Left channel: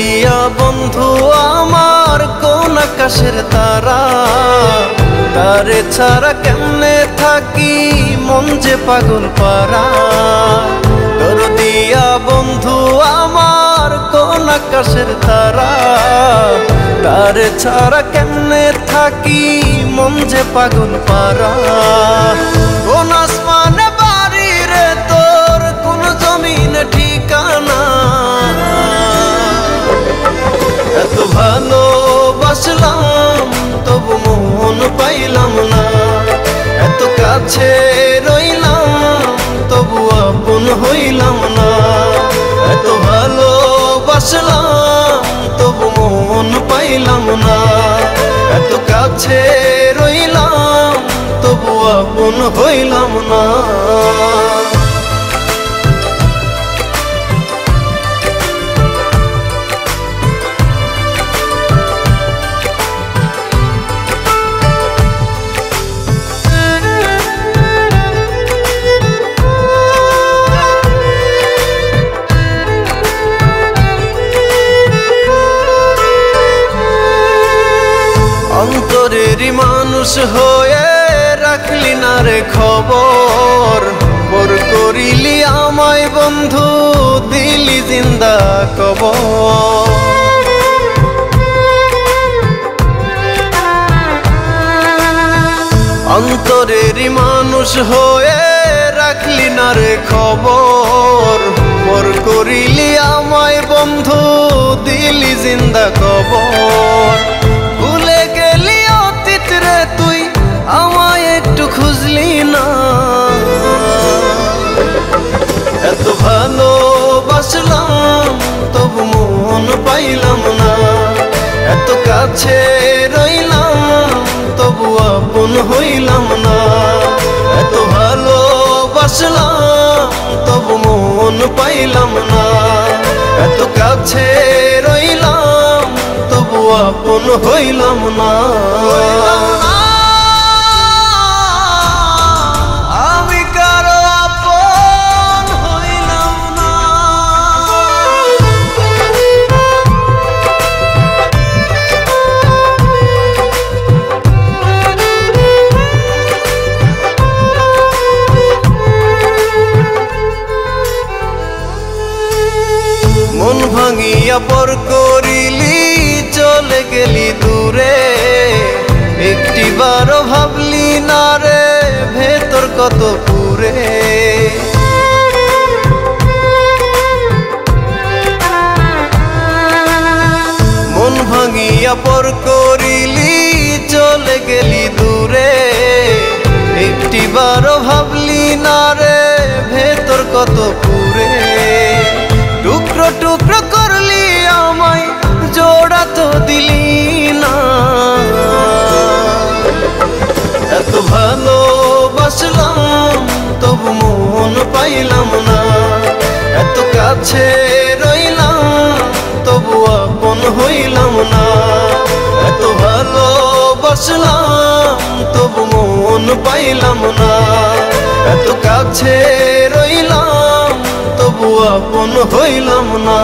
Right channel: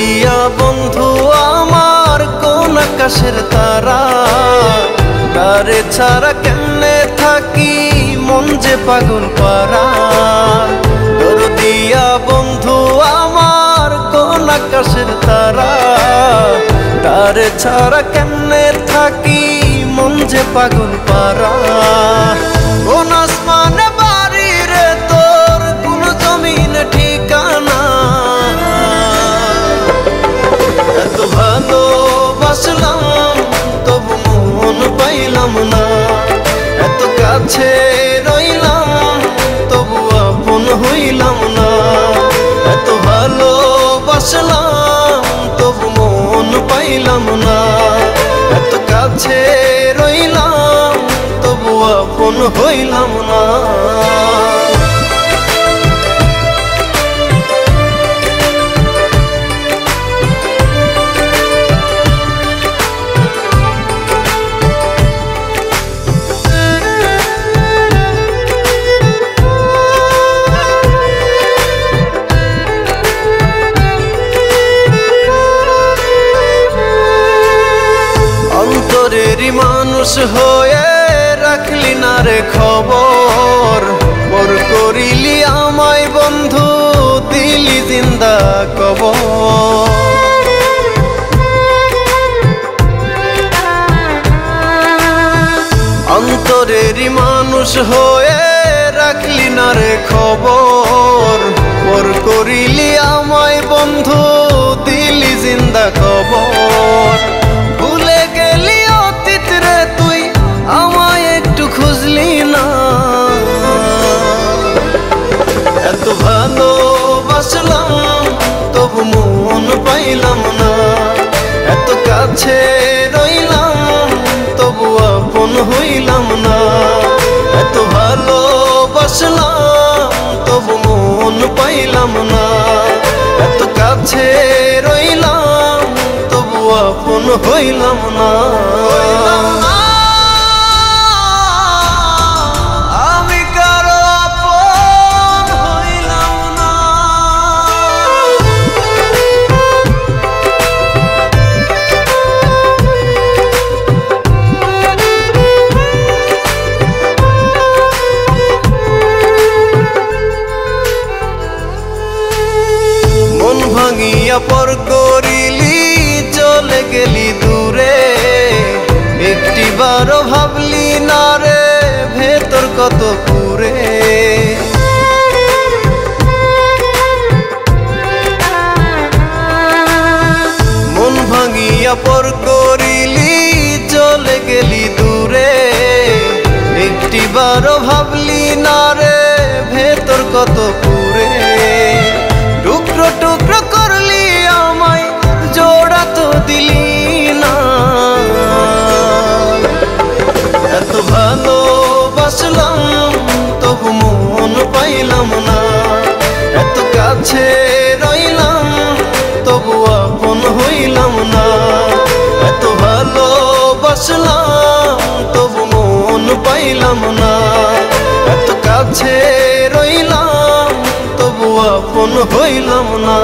দরদিয়া বন্ধু আমার কোন আকাশের তারা, তারে ছাড়া কেমনে থাকি মন যে পাগল পারা। দরদিয়া বন্ধু আমার কোন আকাশের তারা, তারে ছাড়া কেমনে থাকি মন যে পাগল পারা। কোন আসমানে বাড়ি রে তোর, কোন জমিনে ঠিকানা, এত ভালোবাসলাম তবু মন পাইলাম না। এত কাছে রইলাম তবু আপন হইলাম না। এত ভালোবাসলাম তবু মন পাইলাম না। এত কাছে রইলাম তবু আপন হইলাম না। অন্তরেরই মানুষ হয়ে রাখলি না রে খবর, পর করিলি আমায় বন্ধু দিলি জিন্দা কবর। অন্তরেরই মানুষ হয়ে রাখলি না রে খবর, পর করিলি আমায় বন্ধু দিলি জিন্দা কবর। ভুলে গেলি অতীত রে তুই আমায় একটু খুঁজলি না। এত ভালোবাসলাম তবু মন পাইলাম না। এত কাছে রইলাম তবু আপন হইলাম না। এত ভালোবাসলাম তবু মন পাইলাম না। এত কাছে রইলাম তবু আপন হইলাম না। আমি কারো আপন হইলাম না। মন ভাঙিয়া পর করিলি চলে গেলি দূরে, একটিবারও ভাবলি না রে ভেতর কত পুরে। মন ভাঙিয়া পর করিলি চলে গেলি দূরে, একটিবারও ভাবলি না রে ভেতর কত পুরে। টুকরো টুকরো করলি আমায় জোড়া তো দিলি না। এত ভালোবাসলাম তবু মন পাইলাম না। এত কাছে রইলাম তবু আপন হইলাম না। এত ভালোবাসলাম তবু মন পাইলাম না। এত কাছে রইলাম তবু আপন হইলাম না।